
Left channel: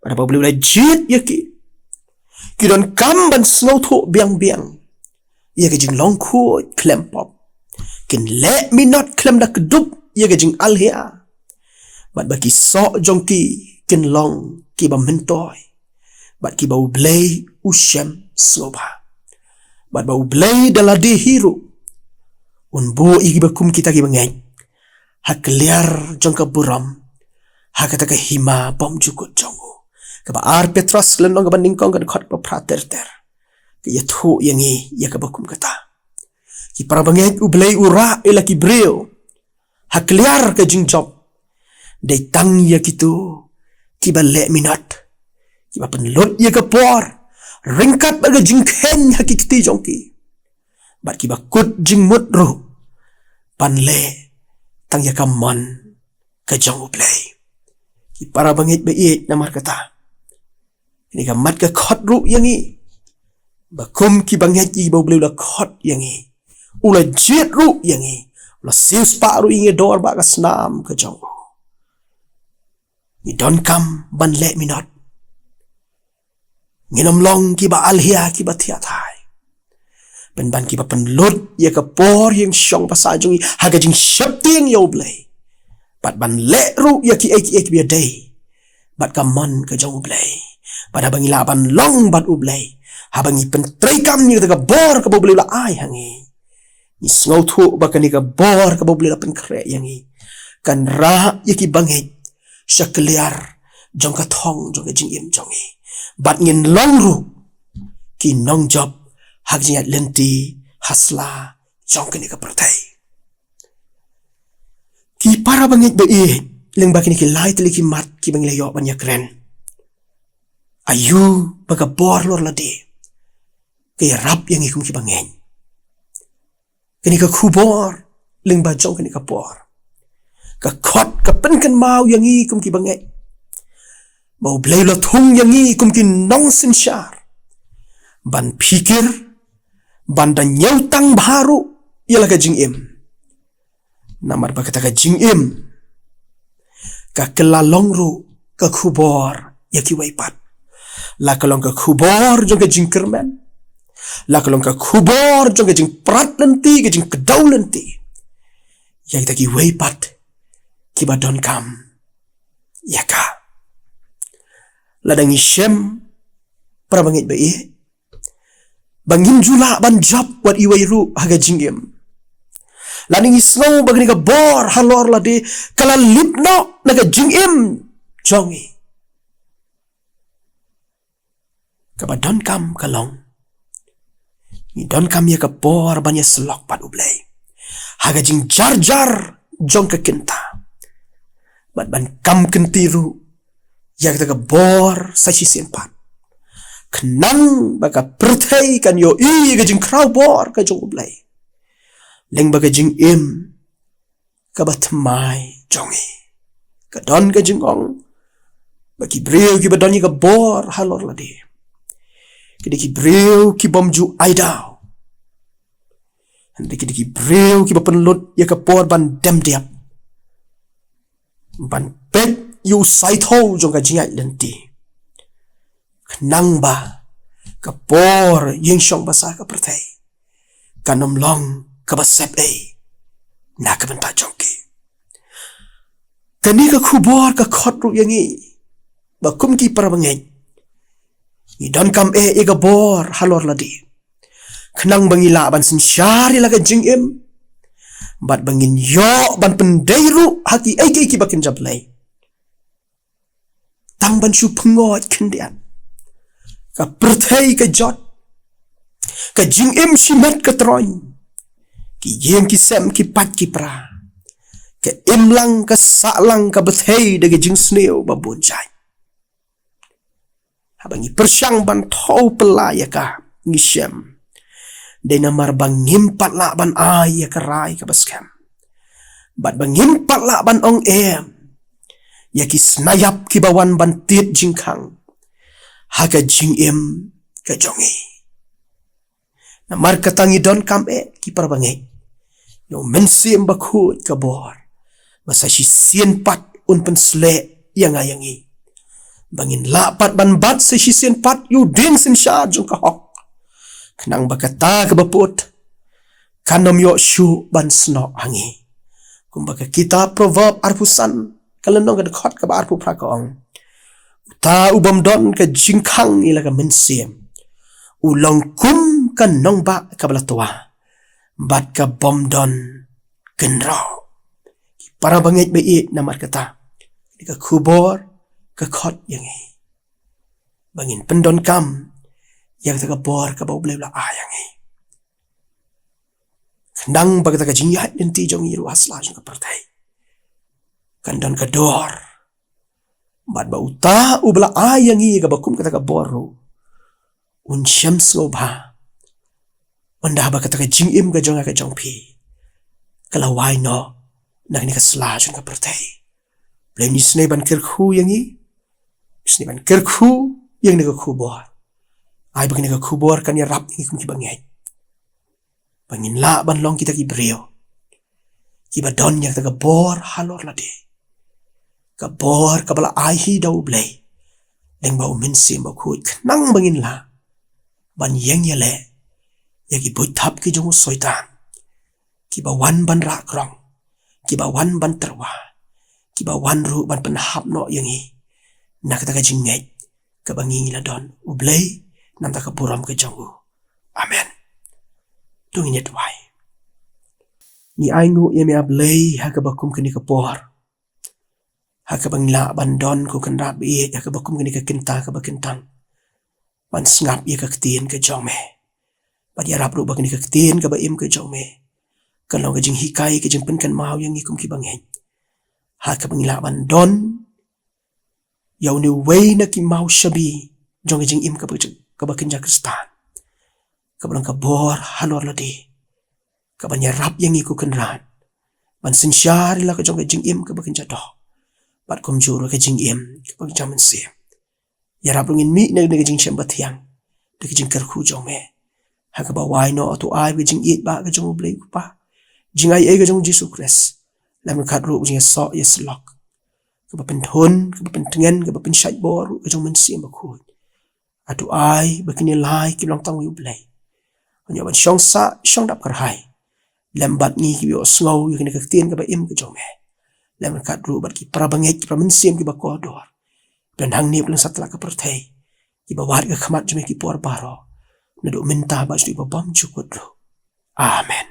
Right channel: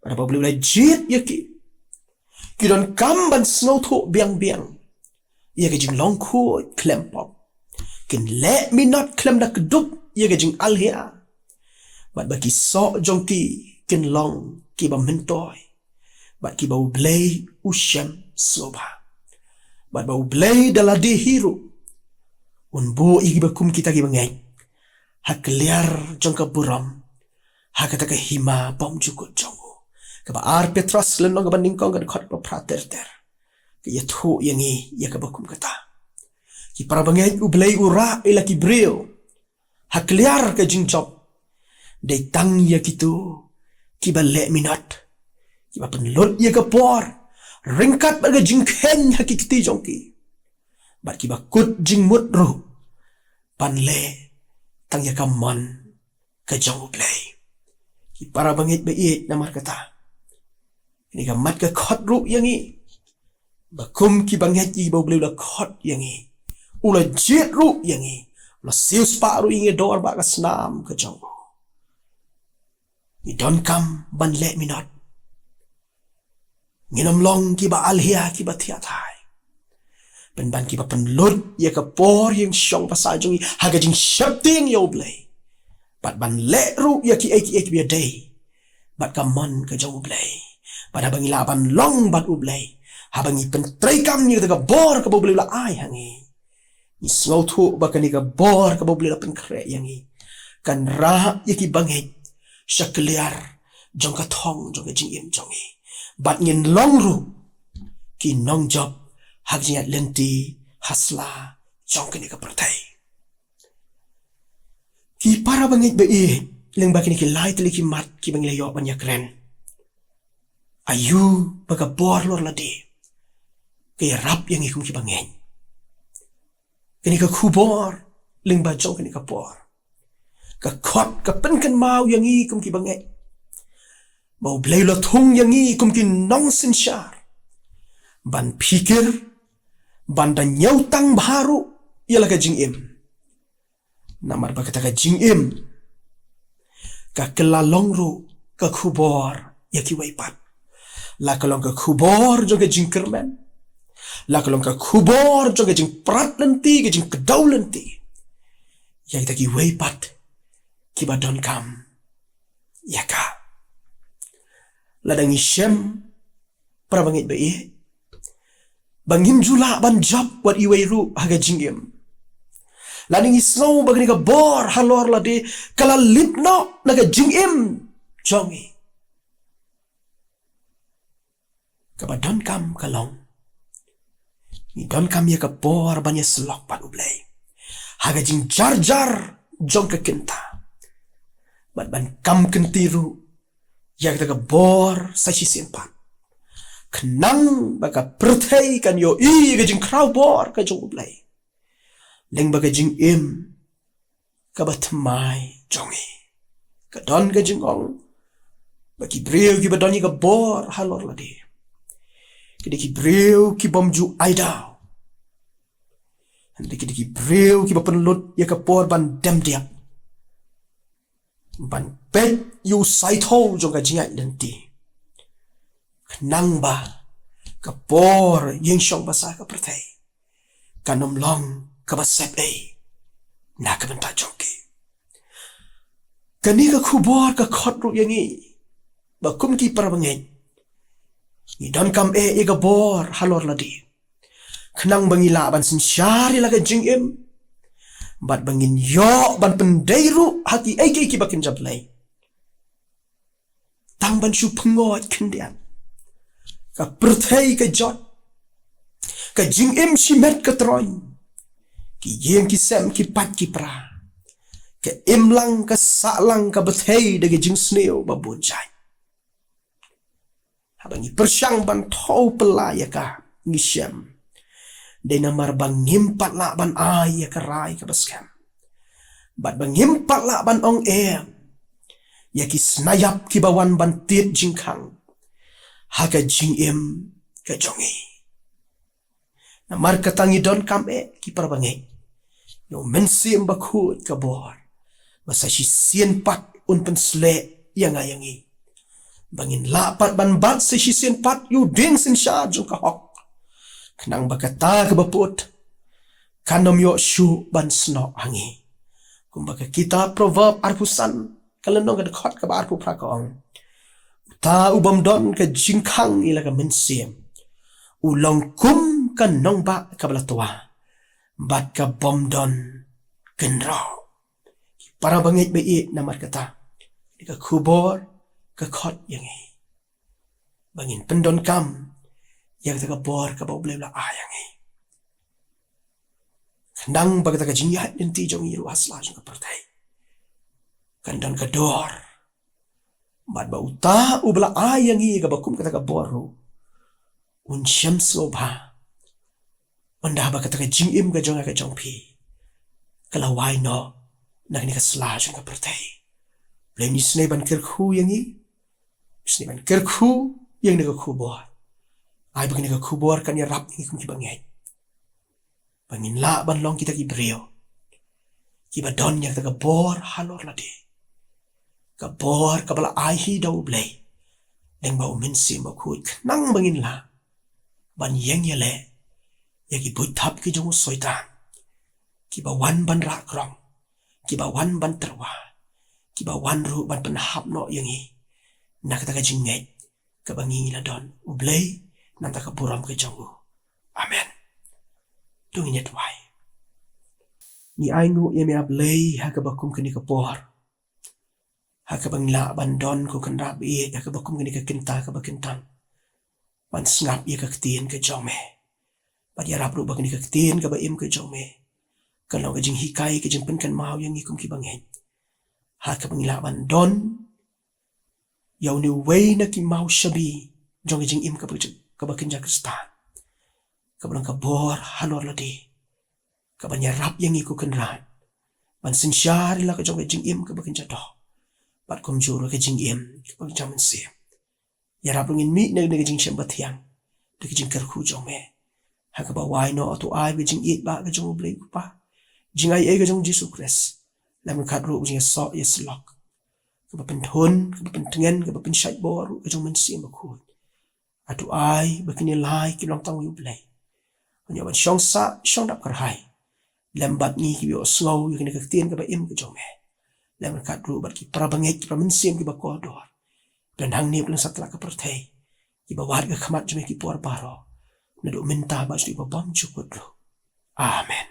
bahwa U Blei ula jit yak ki don kam ban snow tho biang biang yak jing long khu klem pop kin let me not klem da kedup yak jing alhia bat baki so jong ki kin long ki ba mentoi bat ki bau Blei ushem soba bat bau Blei dalade hero un bo igi bakum kita ki bangai hak liar jong ka buram hak kata ka hima bom jukut jongo ka ba ar Petros lenong ka banding kong ka khot pa prater ter ka yathu yangi ya ka bakum kata ki para bangai U Blei ura ila ki breo hak liar ka jingjok dai tang ya kitu ki ba le minat ki ba penlot ya ka por ringkat ba ka jingkren hakikti jongki bat ki ba kut jing mut ro pan le tang ya ka mon ka jong U Blei ki para bangit ba iet namar kata ini ka mat ka khot ru yangi ba kum ki bangit i ba U Blei la khot yangi ula jet ru yangi ula sius pa ru inge dor ba ka snam ka jong ni don kam ban le minot nginom long ki ba alhia ki ba thia thai pen ban ki ba pen lot ya ka por yang shong pa sa jong ha ga jing shapting yo Blei bat ban le ru ya ki ek bi day bat ka mon ka jong U Blei pada bangi la ban long bat U Blei ha bangi pen trai kam ni ka bor ka Blei la ai hangi ni sngo thu ba ka ni ka bor ka Blei la pen kre yangi kan ra ya ki bangi syakliar jong ka thong jong ka jing im jong bat ngin long ru ki nong job hak jingat lenti hasla jong kini ka pertai ki para bangit be leng bakini ki lai teli ki mat ki bang leyo ban yakren ayu baga bor lor lade ke rap yang ikum ki bangen kini ka khubor leng ba jong kini ka bor ka khot ka pen kan mau yang ikum ki bangen mau blei lo thung yang ikum ki nong sin syar ban pikir ban dan nyautang baru ialah ka jingim namar ba kata ka jingim ka kelalong ru ka khubor ya ki waipat la kalong ka khubor jong ka jingkren la kalong ka khubor jong ka jing prat lenti ka jing kedau lenti ya kita ki waipat ki badon kam ya ka ladang isem para bangit ba bangin jula ban jab wat iwairu haga jingim laning islo bagni ka bor halor lade kala lipno naga jingim jongi kabadon kam kalong ni don kam ya ka bor banya selok pat U Blei haga jing jar jar jong ka kinta bat ban kam kentiru ya ka bor sa si pat kenang baka perthai kan yo ka jing krau bor ka jong U Blei leng baka jing im ka batmai jongi ka don ka jing ong baki breu ki badon ka bor halor lade ki breu ki bomju aidau hande ki breu ki bapenlut ya ka bor ban dem diap ban pet yu sai tho jong ka jingai lenti kenang ba ka bor yeng shong basa ka perthai kanom long ka basep na ka benta jongki kani ka khubor ka khot ru yangi ba kum ki para bangen ni don kam ka bor halor ladi kenang bangila ban sin syari la ka jingim bat bangin yo ban pendairu haki ki bakin jablai tang ban shu pengot kendian ka perthai ka jot ka jingim simet ka troin ki yeng ki sem ki pat ki pra ka imlang ka salang ka bethei de jing sneu ba bonjai habangi persyang ban thau pelaya ka ngisem de namar bangim pat la ban ai ka rai ka baskem bat bangim pat la ban ong ya ki snayap ki bawan ban tit jingkang haga jingim ka jongi namar katangi don kam ki parbangai yo mensim bakut ka bor masa si sien pat un pen sle yang ayangi bangin lapat ban bat se si sien pat yu ding sin sha jong ka hok kenang bakata ka baput kanom yo shu ban sno angi kumbaka kita proverb arpusan kalenong ka dekhot ka arpu prakong ta ubam don ka jingkang ila ka mensim ulong kum kan nong ba ka balatua bat ka bomdon kenro para bangit be namar kata ka khubor ka khot yangi bangin pendon kam yang ka bor ka ba blei la ayangi ndang bagata ka jingiat denti jong iru asla jong ka pertai kan don ka dor bat ba uta ubla ayangi ka bakum kata ka boru un syams ngobha wanda ba kata ka jingim ka jong ka jongpi kala wai no nak ni ka sla jong ka pertai blem ni snei ban kyrkhu yangi snei ban kyrkhu yang ni ka khubor ai ba ni ka khubor kan ya rap ni kum ki bangai bangin la ban long kita ki breo ki ba don yang ta ka bor halor lade ka bor ka bala ai hi dau blei leng ba min sim ba khut nang bangin la ban yang ya le ya ki boy thap ki jong soitan ki ba wan ban ra krong ki ba wan ban terwa ki ba wan ru ban pen hap no yangi nak ta ka jingai ka bangi la don U Blei nam ta ka puram ke jongu amen tung ni twai ni aingu ye me Blei ha ka bakum ke ni ka por ha ka bangla ban don ku kan rap ye ha ka bakum ke ni ka kinta ka bakintang ban ngap ye Ka Ktien Ka jong me ban ya rap ru ba Ka Ktien Ka ba im Ka jong me kan long ka jing hikai ka jing penkan mau yang ikum ki banghen ha ka bangila ban don yau ni wei na ki mau shabi jong ka jing im ka ba kenja Kristan ka bang ka bor Halor Lade ka ban ya rap yang iku kenran ban sinsyar la ka jong ka jing im ka ba kenja do bat kom juru ka jing im ka ba jaman se ya rap ngin mi na ka jing shem ba thiang ka jing kyrkhu jong me ha ka ba wai no to ai ka jing it ba ka jong U Blei Un pa jingai ai ka jong Jisu Khrist lam khat ru jingiasyllok ka ba penthun ka ba pentengen ka ba pensyai bor ka jong men sim ba khu atu ai ba kini lai ki long tang U Blei nya ban shong sa shong dap kar hai lam bat ni ki yo slow yu kini Ka Ktien ka ba im ka jong me lam khat ru bat ki pra bangai ki pra men sim ki ba ko dor dan hang ni plan satla ka perthei ki ba war ka khamat jme ki por baroh na do minta ba sti ba bam chukut ru amen